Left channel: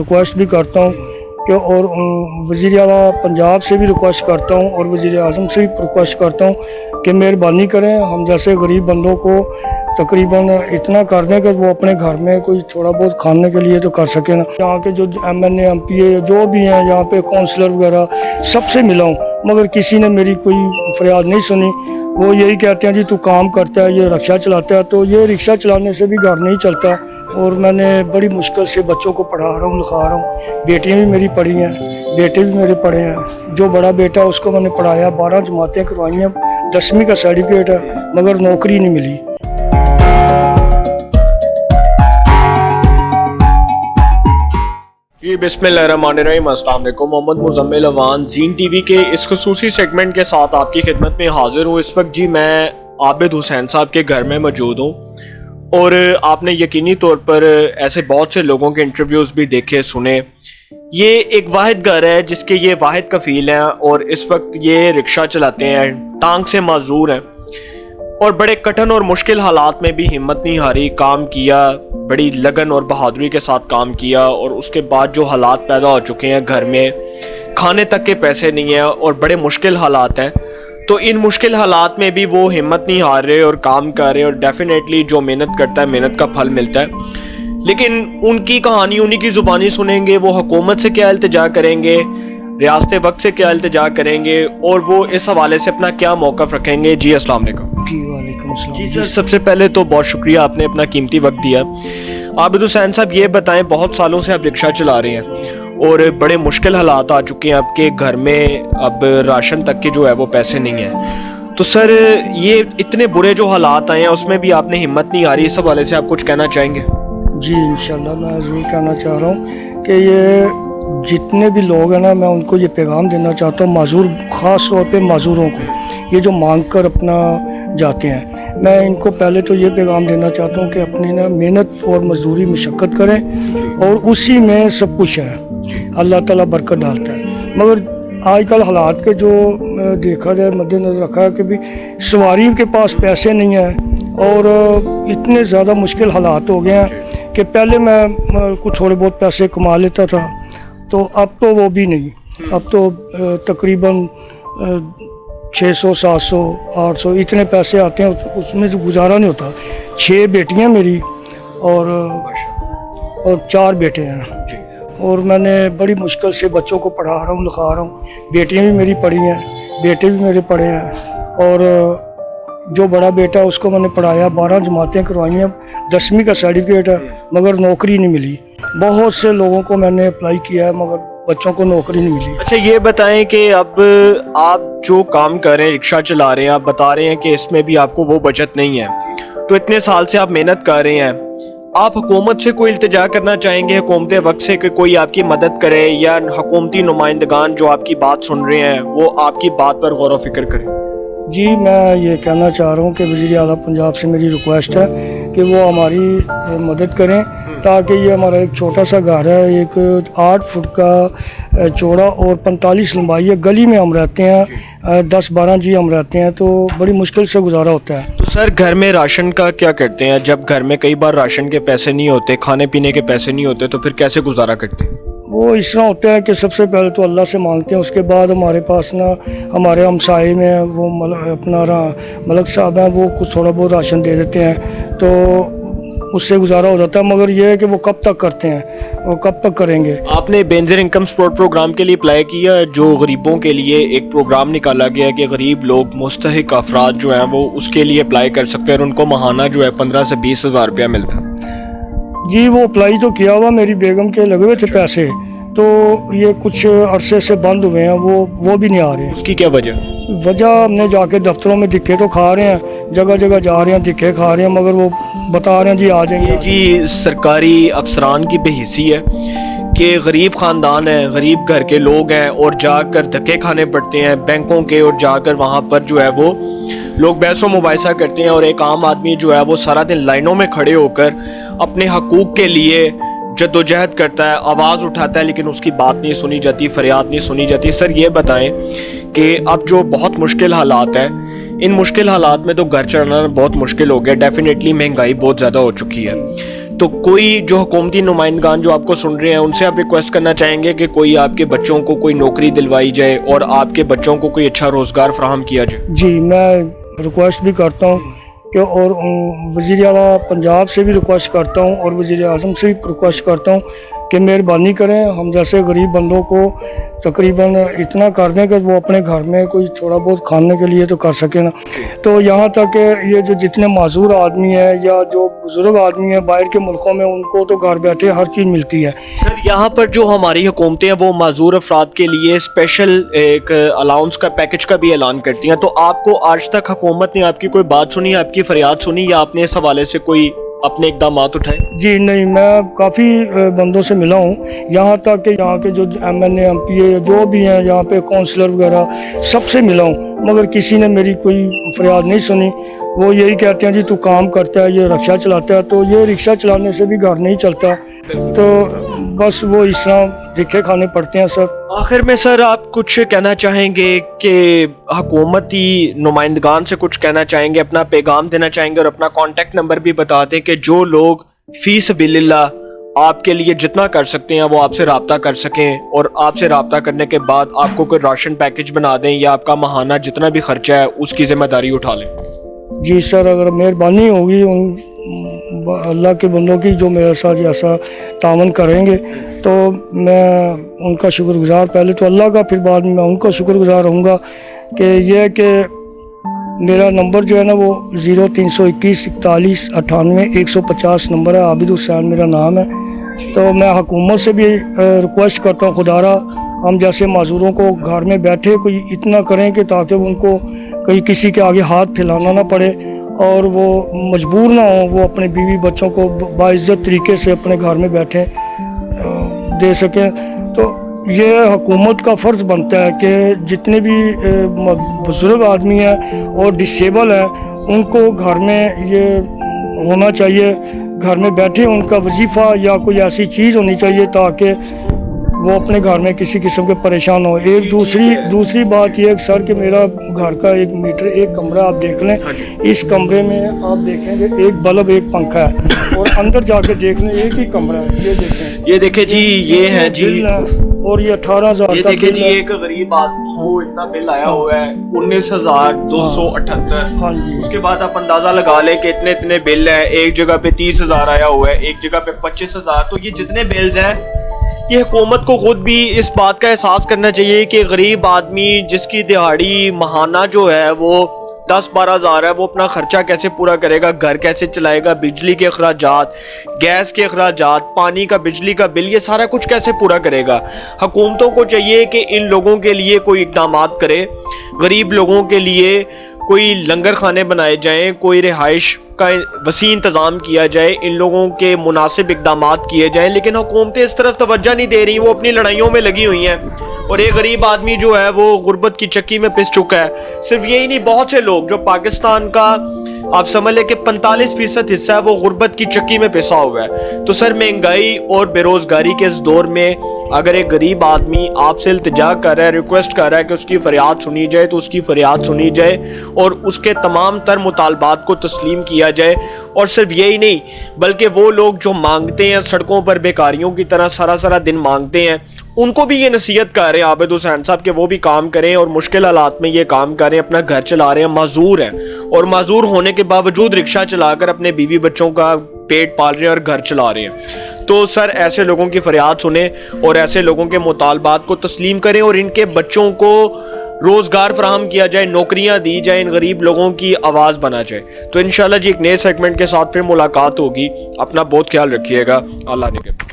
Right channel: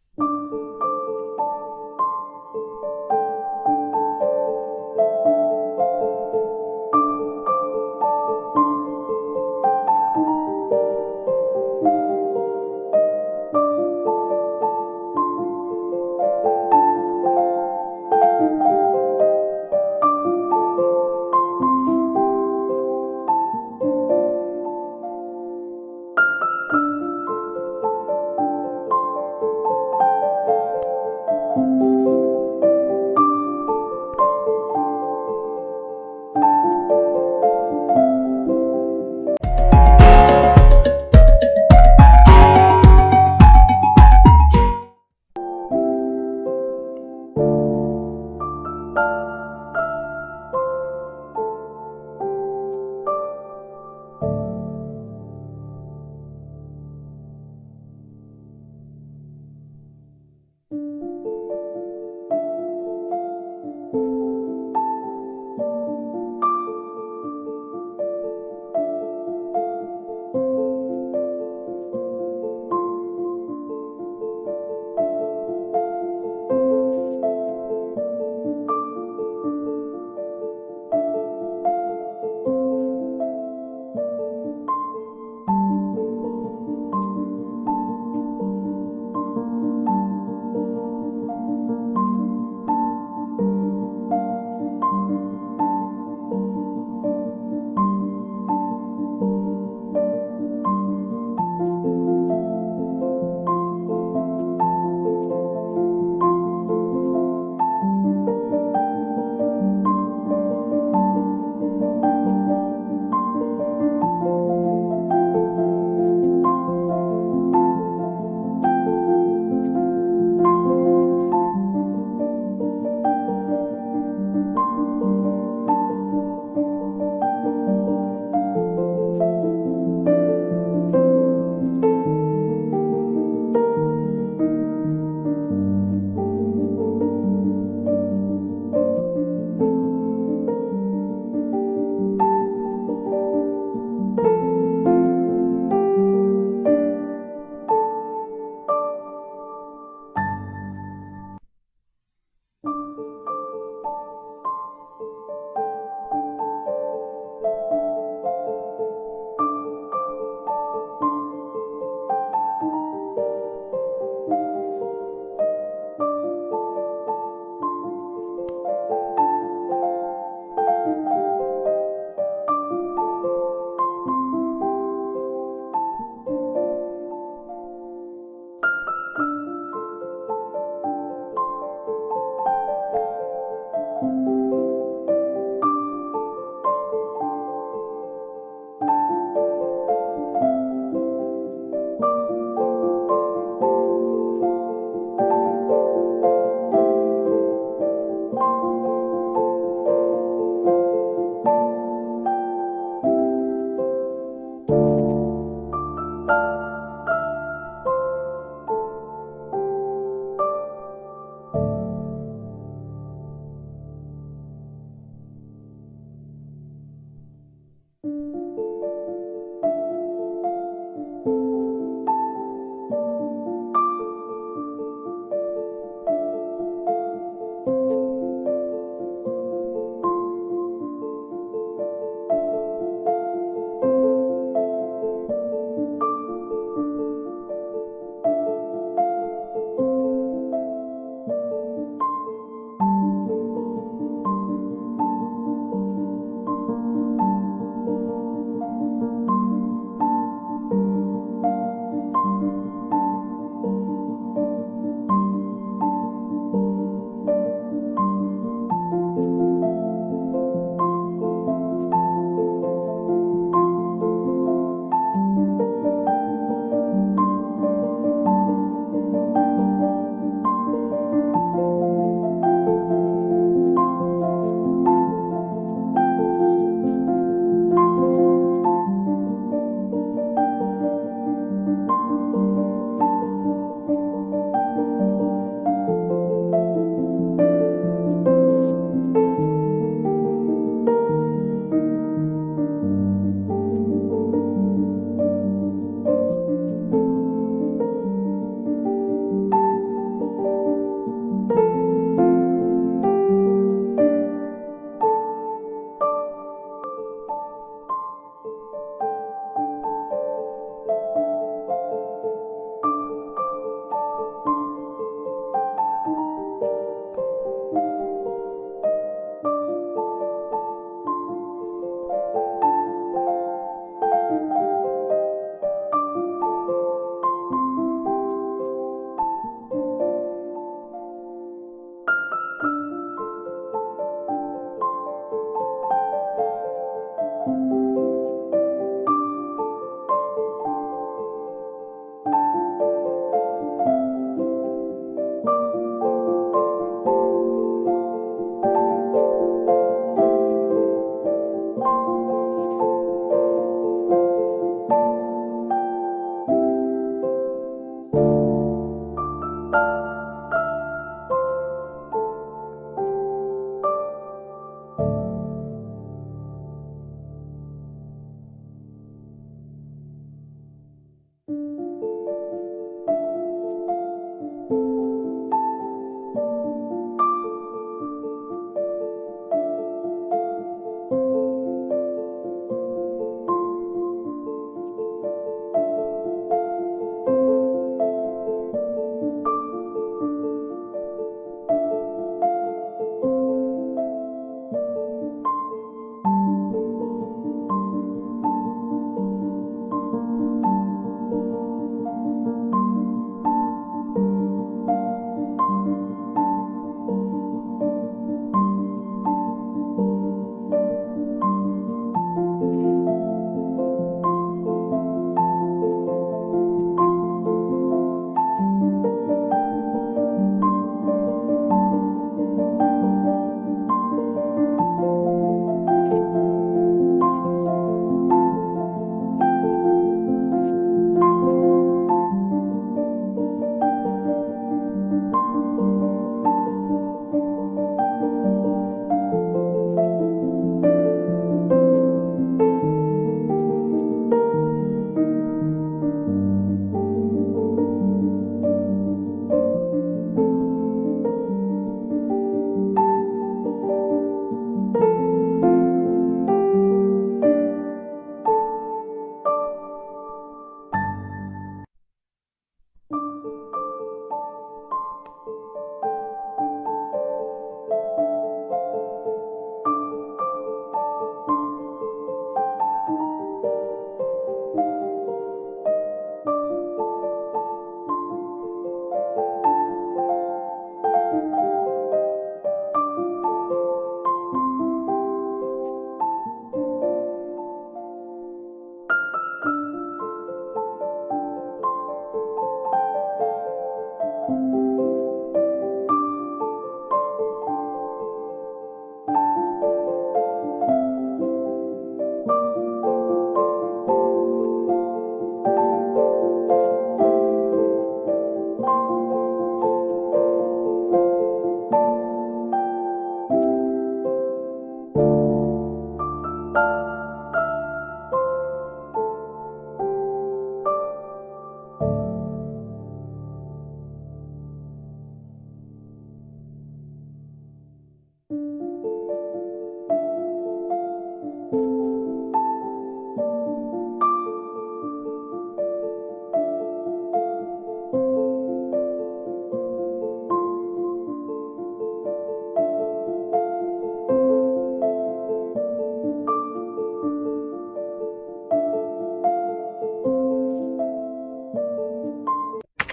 Request भी करता हूँ कि और वज़ीर आला पंजाब से भी रिक्वेस्ट करता हूँ और वज़ीर आज़म से भी रिक्वेस्ट करता हूँ कि मेहरबानी करें, हम जैसे गरीब बंदों को तकरीबन इतना कर दें कि वो अपने घर में कोई थोड़ा बहुत खाने के लिए तो कर सकें ना। यहाँ के जो MNA MP जो भी हैं यहाँ पे काउंसलर वगैरह सबसे मिला हूँ, मगर किसी ने मेरी कोई फरियाद नहीं सुनी। वो यही कहते हैं जी तू काम करता है, ये रिक्शा चलाता है, तो ये रिक्शा चलाने से भी घर नहीं चलता। और मैंने बड़ी मुश्किल से बच्चों को पढ़ा रहा हूँ, लिखा रहा हूँ। बेटियाँ भी मेरी पढ़ी हैं, बेटे भी मेरे पढ़े हैं। जो बड़ा बेटा उसको मैंने पढ़ाया, 12 जमातें करवाई हैं, 10वीं का सर्टिफिकेट है, मगर नौकरी नहीं मिली। बिस्मिल्लाहिर्रहमानिर्रहीम, अस्सलाम वालेकुम। मोहम्मद मुज़म्मिल अवान ज़ीन टीवी के इस खुसूसी सेगमेंट के साथ आपकी खिदमत में हाजिर हूँ। इस वक्त जी मैं आबिद हुसैन साहब के घर में मौजूद हूँ और आपने यकीनी तौर पर ऐसे बहुत से लोगों के इंटरव्यूज़ भी देखे सुने। ये एक वाहिद घर है जिसके ये वाहिद कफ़ील हैं और इस वक्त ये रिक्शा चलाते हैं, टांग से माजूर हैं और बड़े कठिन और मुश्किल हालात में भी हिम्मत नहीं हारी, काम किया, बड़ी लगन और बहादुरी के साथ काम किया। और उसके बाद जो हालात पैदा हो चुके हैं, घर में खाने तक के पैसे नहीं हैं और बड़े मुश्किल हालात हैं, तो इन मुश्किल हालात में भी वो हिम्मत नहीं हार रहे और काम कर रहे हैं। और डेफिनेटली जो मेहनत करता है मेहनत का फल मिलता है। लेकिन उनकी कहानी उन्हीं की ज़ुबानी सुनेंगे, वो हुकूमत से क्या इल्तिजा करेंगे, रियासत वक्त से क्या इल्तिजा करेंगे और वो इस हवाले से अपना क्या मौक़िफ़ रखेंगे। जी अस्सलाम वालेकुम। जी सर, सबसे पहले तो बहुत शुक्रिया, आपने अपना कीमती वक्त दिया। आबिद हुसैन साहब ये बताएं, बहुत सालों से आप रिक्शा चला रहे हैं और बड़े मुश्किल हालात आ चुके हैं आपके घर में, अब राशन तक के जो है वो पैसे नहीं हैं, तो सर ये इतने बुरे जो हालात आए हैं उसमें भी आपने हिम्मत नहीं हारी, इस हवाले से आप कुछ कहना चाहेंगे? जी इंशाल्लाह मैं ज़रूर कहना चाह रहा हूँ कि ये जितने भी लोग हैं ना, मैं उनको ये पैगाम देना चाहता हूँ, माजूर ख़ास तौर पे माजूरों को, ये जो मांग कर अपना जाते हैं, मैं इनको पहले तो ये पैगाम देना चाहता हूँ कि अपनी ना मेहनत और मजदूरी मशक्क़त करें और उसी में सब कुछ है, अल्लाह ताला बरकत डालता है। मगर आजकल हालात के जो देखा जाए मद्देनज़र रखा है कि भी सवारी के पास पैसे नहीं हैं और इतने ज़्यादा मुश्किल हालात हो गए हैं कि पहले मैं कुछ थोड़े बहुत पैसे कमा लेता था, तो अब तो वो भी नहीं। अब तो तकरीबन 600, 700, 800 इतने पैसे आते हैं, उसमें तो गुजारा नहीं होता। 6 बेटियां मेरी और 4 बेटे हैं और मैंने बड़ी मुश्किल से बच्चों को पढ़ा रहा हूँ, लिखा रहा हूँ। बेटियां भी मेरी पढ़ी हैं, बेटे भी मेरे पढ़े हैं और जो बड़ा बेटा उसको मैंने पढ़ाया, 12 जमातें करवाई हैं, 10वीं का सर्टिफिकेट है, मगर नौकरी नहीं मिली। बहुत से लोगों को मैंने अप्लाई किया है मगर बच्चों को नौकरी नहीं मिली। अच्छा ये बताएं कि अब आप जो काम कर रहे हैं, रिक्शा चला रहे हैं, आप बता रहे हैं कि इसमें भी आपको वो बचत नहीं है, तो इतने साल से आप मेहनत कर रहे हैं, आप हुकूमत से कोई इल्तिजा करना चाहेंगे, हुकूमत वक्त से कि कोई आपकी मदद करे या हुकूमती नुमाइंदगान जो आपकी बात सुन रहे हैं वो आपकी बात पर गौर व फिक्र करें? जी मैं ये कहना चाह रहा हूँ कि वज़ीर आला पंजाब से मेरी रिक्वेस्ट है कि वो हमारी मदद करें, ताकि ये हमारा एक छोटा सा घर है, एक 8 फुट का चौड़ा और 45 लंबाई है। गली में हम रहते हैं, 10-12 जी हम रहते हैं, तो बड़ी मुश्किल से गुजारा होता है। तो सर घर में राशन का क्या करते हैं? जब घर में कई बार राशन के पैसे नहीं होते, खाने पीने के पैसे नहीं होते, तो फिर कैसे गुजारा करते हैं? वो इस तरह होता है कि सबसे पहले तो अल्लाह से मांगते हैं, उसके बाद हमारे पास ना हमारे हमसाए में वो अपना मलक साहब हैं, वो कुछ थोड़ा बहुत राशन दे देते हैं, तो उससे गुजारा हो जाता है। मगर ये है कि वो कब तक करते हैं, वो कब तक करेंगे। आपने बेनज़ीर इनकम सपोर्ट प्रोग्राम के लिए अप्लाई किया, जो गरीबों के लिए एक प्रोग्राम निकाला गया कि गरीब लोग, मुस्तहिक अफराद जो हैं वो उसके लिए अप्लाई कर सकते हैं और उनको माहाना जो है 15 से 20 हज़ार रुपया मिलता है? जी वो अप्लाई तो किया हुआ, मेरी बेगम के लगे हुए थे पैसे, तो ये कुछ अरसे से बंद हुए हैं, वो भी नहीं आ रहे। उसकी क्या वजह? हमने जाके दफ्तरों में धिक्के तो खा रहे हैं, जगह जगह जा रहे हैं, धिक्के खा रहे हैं, मगर वो बता रहे हैं जी आ जाएंगे। जी सरकारी अफसरान की बेहिसी है कि गरीब ख़ानदान है, गरीब घर के लोग हैं और जाकर धक्के खाने पड़ते हैं बैंकों के, और जाकर वहाँ पर जो है वो लोग बहस व मुबाहिसा करते हैं और एक आम आदमी जो है वो सारा दिन लाइनों में खड़े होकर अपने हकूक़ के लिए जद्दोजहद करता है, आवाज़ उठाता है, लेकिन उसकी बात नहीं सुनी जाती, फरियाद नहीं सुनी जाती। सर ये बताएं कि अब जो बहुत मुश्किल हालात हैं, इन मुश्किल हालात में तो घर चलाना बहुत मुश्किल हो गया, डेफिनेटली महंगाई बहुत ज़्यादा हो चुकी है, تو کوئی جو حکومتی نمائندگان جو آپ کو سن رہے ہیں ان سے آپ ریکویسٹ کرنا چاہیں گے کہ کوئی آپ کے بچوں کو کوئی نوکری دلوائی جائے اور آپ کے بچوں کو کوئی اچھا روزگار فراہم کیا جائے؟ جی میں ریکویسٹ بھی کرتا ہوں کہ اور وزیر اعلیٰ پنجاب سے بھی ریکویسٹ کرتا ہوں اور وزیر اعظم سے بھی ریکویسٹ کرتا ہوں کہ مہربانی کریں ہم جیسے غریب بندوں کو تقریباً اتنا کر دیں کہ وہ اپنے گھر میں کوئی تھوڑا بہت کھانے کے لیے تو کر سکیں نا. تو یہاں تک کہ یہ جو جتنے معذور آدمی ہیں یا جو بزرگ آدمی ہیں باہر کے ملکوں میں ان کو تو گھر بیٹھے ہر چیز ملتی ہے. سر یہاں پر جو ہماری حکومتیں ہیں وہ معذور افراد کے لیے اسپیشل ایک الاؤنس کا پیکج کا بھی اعلان کرتی ہیں, تو آپ کو آج تک حکومت نے آپ کی کوئی بات سنی, آپ کی فریاد سنی یا آپ نے اس حوالے سے کوئی اپنے اقدامات اٹھائے؟ جی نہیں, میں کافی بندوں سے ملا ہوں, یہاں تک کہ یہاں کے جو MNA MP جو بھی ہیں یہاں پہ کونسلر وغیرہ سب سے ملا ہوں, مگر کسی نے میری کوئی فریاد نہیں سنی. وہ یہی کہتے ہیں جی تو کام کرتا ہے, یہ رکشہ چلاتا ہے, تو یہ رکشہ چلانے سے بھی گھر نہیں چلتا, تو بس وہ اس طرح دکھے کھانے پڑتے ہیں. سر آخر میں سر آپ کچھ کہنا چاہیں گے کہ حکومتی نمائندگان سے کچھ کہنا چاہیں گے, اپنا پیغام دینا چاہیں گے اور اپنا کانٹیکٹ نمبر بھی بتا دیں کہ جو لوگ فی سبیل اللہ آپ کے لیے جتنا کر سکتے ہیں وہ آپ سے رابطہ کر سکیں اور آپ سے رابطہ کرنے کے بعد آپ کو کوئی راشن پیکج بنا دیں یا آپ کا ماہانہ جتنا بھی خرچہ ہے اس کی ذمہ داری اٹھا لیں. جی سر, اگر مہربانی ہوگی اللہ کے بندوں کی جو میرے ساتھ ایسا تعاون کریں گے تو میں ان کا شکر گزار, پہلے تو اللہ کا پھر بعد میں ان کا شکر گزار رہوں گا. کہ یہ کہ میرا نمبر جو ہے نا وہ 0321 41 98 150 نمبر ہے, عابد حسین میرا نام ہے. تو میں حکومت سے بھی ریکویسٹ کرتا ہوں خدارا ہم جیسے معذوروں کو گھر میں بیٹھے کوئی اتنا کریں کہ تاکہ ان کو کہیں کسی کے آگے ہاتھ پھیلانا نہ پڑے اور وہ مجبور نہ ہوں, وہ اپنے بیوی بچوں کو باعزت طریقے سے اپنے گھر میں بیٹھے دے سکیں. تو یہ حکومت کا فرض بنتا ہے کہ جتنے بھی بزرگ آدمی ہیں اور ڈسیبل ہیں ان کو گھر میں یہ ہونا چاہیے, گھر میں بیٹھے ان کا وظیفہ یا کوئی ایسی چیز ہونی چاہیے تاکہ وہ اپنے گھر میں کسی قسم کے پریشان ہو. ایک دوسری بات یہ ہے سر کہ میرا گھر کا 1 میٹر 1 کمرہ آپ دیکھ لیں, اس کمرے میں آپ دیکھیں گے 1 بلب 1 پنکھا ہے اور اندر جا کے دیکھ لیں 1 ہی کمرہ ہے. یہ دیکھیں جی, یہ ہے جی, اور یہ 18,000 یہ دیکھیں جی, ایک غریب آدمی کو اتنا بل آیا ہوا ہے 19,278. ہاں جی, اس کے بعد آپ اندازہ لگا لیں کہ اتنے بل ہیں, ایک جگہ پہ 30,000 آیا ہوا ہے, ایک جگہ پہ 25,000. تو یہ جتنے بلز ہیں یہ حکومت کو خود بھی اس بات کا احساس کرنا چاہیے کہ غریب آدمی جس کی دہاڑی ماہانہ جو ہے وہ 10-12 ہزار ہے, وہ اپنا خرچہ کیسے پورا کرے گا, گھر کیسے چلائے گا, بجلی کے اخراجات, گیس کے اخراجات, پانی کا بجلی کا بل, یہ سارا کچھ کیسے پورا کرے گا. حکومتوں کو چاہیے کہ ان لوگوں کے لیے کوئی اقدامات کرے, غریب لوگوں کے لیے کوئی لنگر خانے بنائے جائیں, کوئی رہائش کا وسیع انتظام کیا جائے, ان لوگوں کے مناسب اقدامات کیے جائیں. لیکن حکومتیں اس طرف توجہ نہیں دے رہی, وہ اپنی لڑائیوں میں لگی ہوئی ہیں اور ایک غریب آدمی جو ہے وہ غربت کی چکی میں پس چکا ہے. صرف یہی نہیں, بہت سے لوگ جو پاکستان کا آپ سمجھ لیں کہ 45% حصہ ہے وہ غربت کی چکی میں پسا ہوا ہے. تو سر مہنگائی اور بے روزگاری کے اس دور میں اگر ایک غریب آدمی آپ سے التجا کر رہا ہے, ریکویسٹ کر رہا ہے کہ اس کی فریاد سنی جائے تو اس کی فریاد سنی جائے اور اس کے تمام تر مطالبات کو تسلیم کیا جائے. اور صرف یہی نہیں بلکہ وہ لوگ جو مانگتے ہیں سڑکوں پر بیکاریوں کی طرح سارا دن مانگتے ہیں, ان کو بھی یہ نصیحت کر رہے ہیں عابد حسین صاحب کہ وہ بھی کام کریں اور مشکل حالات میں یہ کام کر رہے ہیں, اپنا گھر چلا رہے ہیں, معذور ہیں اور معذور ہونے کے باوجود رکشہ چلا کر اپنے بیوی بچوں کا پیٹ پال رہے ہیں اور گھر چلا رہے ہیں. تو سر ایسے لوگوں کی فریاد سنیں اور ایسے لوگوں کے مطالبات کو تسلیم کریں اور ان کے بچوں کو روزگار فراہم کیا جائے, نوکریاں دی جائیں, ان غریب لوگوں کی آواز بنا جائے. تو انشاءاللہ جی ایک نئے سیگمنٹ کے ساتھ پھر ملاقات ہوگی. اپنا بہت خیال رکھیے گا. اللہ نے